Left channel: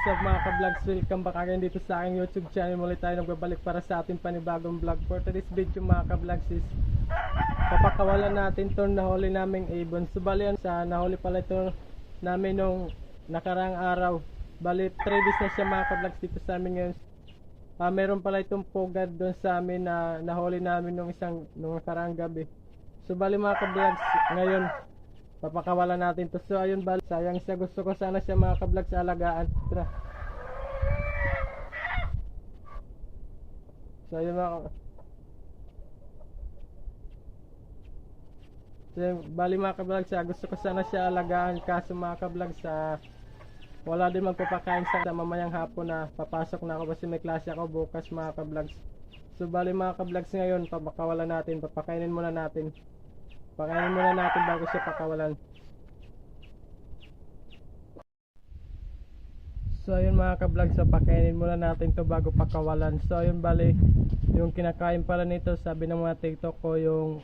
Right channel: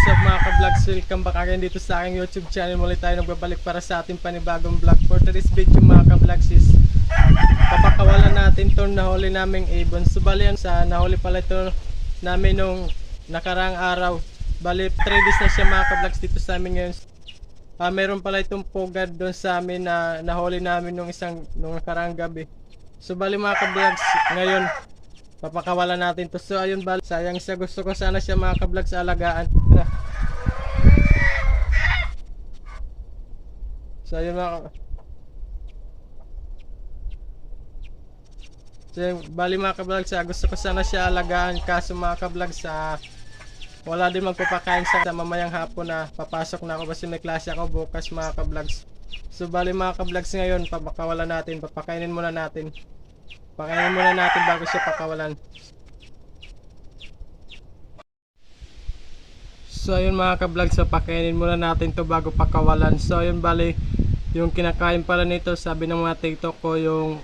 What's up mga ka-vlogs, welcome back again dito sa aking YouTube channel. Muli tayo nagbabalik para sa ating panibagong vlog. For today's video mga ka-vlogs is papakawalan natin itong nahuli naming ibon. So bali yan sa nahuli pala ito namin nung nakarang araw. Bali 3 days na siya mga ka-vlogs dito sa amin ngayon. Meron pala itong pugad doon sa amin na nahuli namin nung nakarang gabi. So bali mga ka-vlogs, ngayon papakawalan natin to. So ayun bali, sayang siya, gusto ko sana siya mga ka-vlogs alagaan. So ayun bali mga ka-vlogs, gusto ko sana siya alagaan, kaso mga ka-vlogs wala din magpapakain sa mamayang hapon na papasok na ako kasi may klase ako bukas mga ka-vlogs. So bali mga ka-vlogs, ngayon papakawalan natin, papakainin muna natin. Pakainin muna natin bago siya pakawalan. So ayun mga ka-vlogs, pakainin muna natin to bago pakawalan. So ayun bali, yung kinakain pala nito, sabi ng mga TikTok ko, yung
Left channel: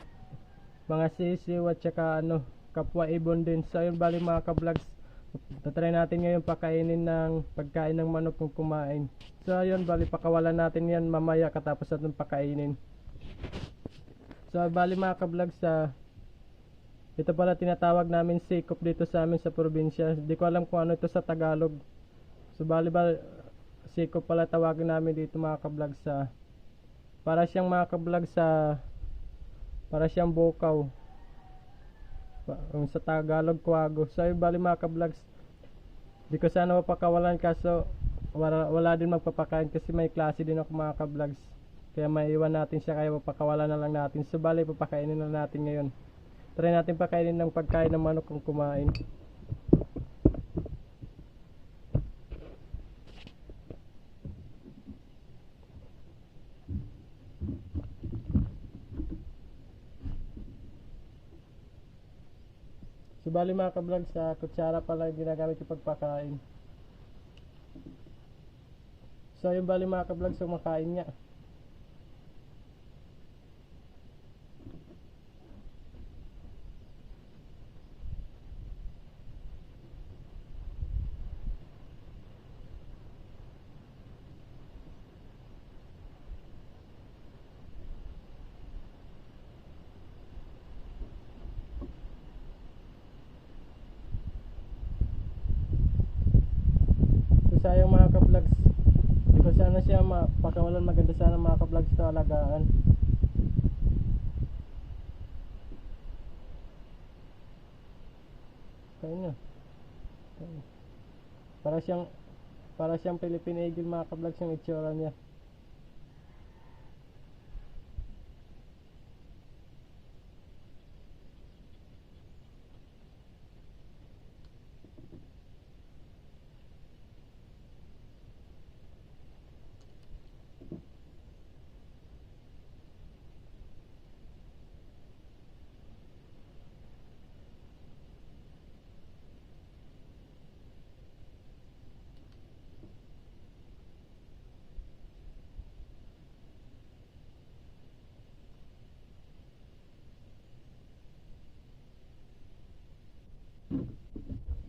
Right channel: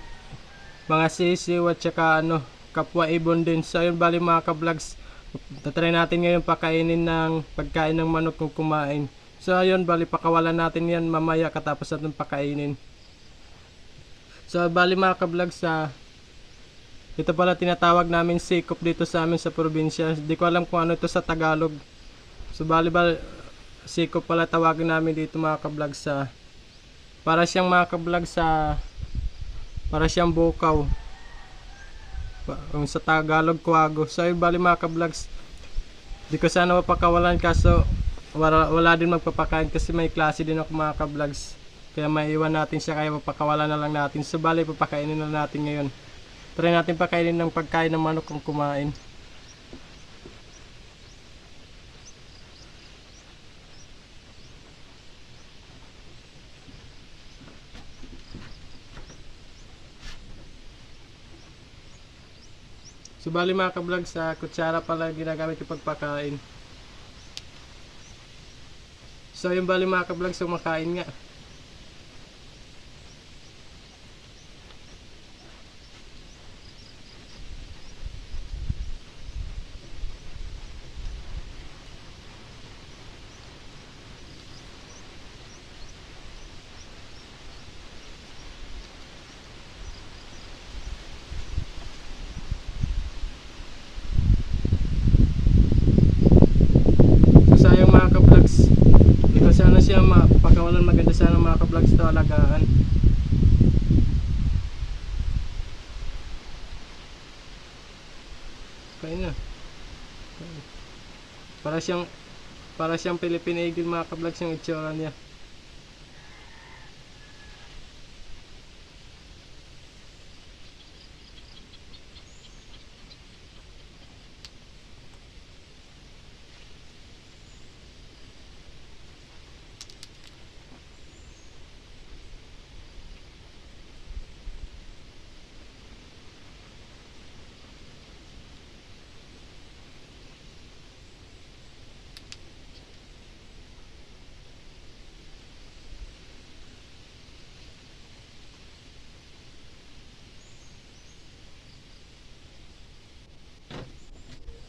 mga sisiw at saka kapwa ibon din. So ayun bali mga ka-vlogs, tatry natin ngayon pakainin ng pagkain ng manok kung kumain. So ayun bali, pakawalan natin yan mamaya katapos natin pakainin. So bali mga ka-vlogs, ito pala tinatawag namin sikop dito sa amin sa probinsya. Hindi ko alam kung ano ito sa Tagalog. So bali sikop pala tawagin namin dito mga ka-vlogs. Para siyang mga ka-vlogs, para siyang bukaw. Sa Tagalog, kuwago. So bali mga ka-vlogs, di ko sana mapakawalan kaso wala din magpapakain kasi may klase din ako mga ka-vlogs. Kaya maiiwan natin siya, kaya papakawalan na lang natin. So bali papakainin na natin ngayon. Try natin pakainin ng pagkain ng manok kung kumain. So bali mga ka-vlog, sa kutsara pala ginagamit yung pagpakain. So yung bali mga ka-vlog, so makain nga. Sayang mga ka-vlogs, di ko sana siya mapakawalan. Maganda sana mga ka-vlogs ito alagaan. Kain na. Para siyang Philippine Eagle mga ka-vlogs yung itsura niya.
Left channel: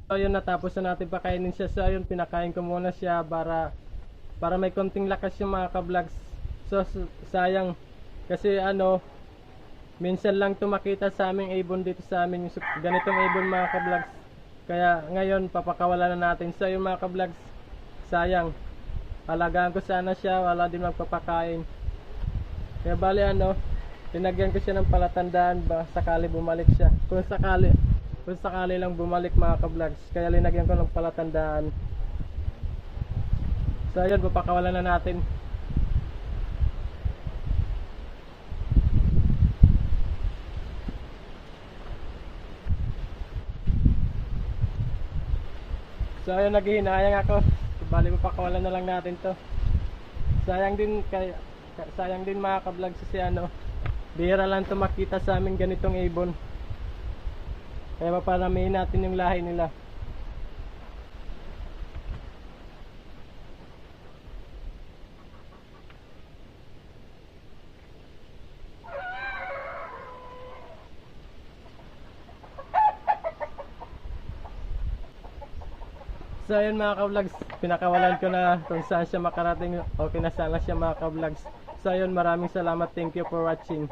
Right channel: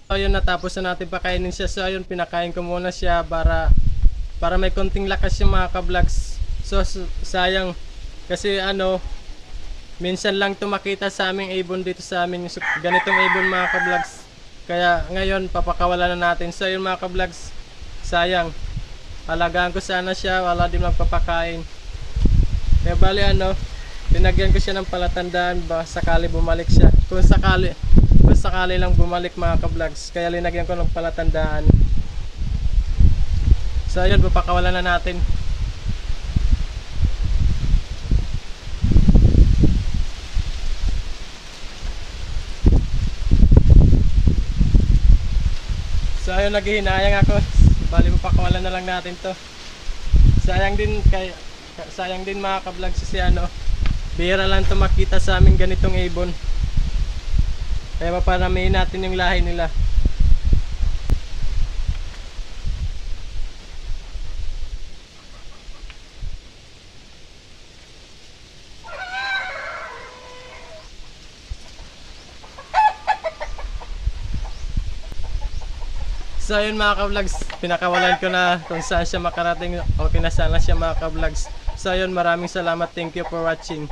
Ayun, natapos na natin pakainin siya. So ayun, pinakain ko muna siya para may konting lakas yung mga ka-vlogs. So sayang kasi minsan lang tumakita sa aming ibon dito sa amin, ganitong ibon mga ka-vlogs. Kaya ngayon papakawalan na natin. So ayun mga ka-vlogs, sayang, alagaan ko sana siya, wala din magpapakain. Kaya bali pinagyan ko siya ng palatandaan ba sakali bumalik siya. Kung sakali lang bumalik mga ka-vlogs, kaya linagyan ko ng palatandaan. So ayun, papakawalan na natin. So ayun, naghihinayang ako. Bali papakawalan na lang natin to. Sayang din mga ka-vlogs kasi bihira lang to makita sa amin ganitong ibon. Kaya paparamihin natin yung lahi nila. So yun mga ka-vlogs, pinakawalan ko na kung saan siya makarating. Okay na sana siya mga ka-vlogs. So yun, maraming salamat. Thank you for watching.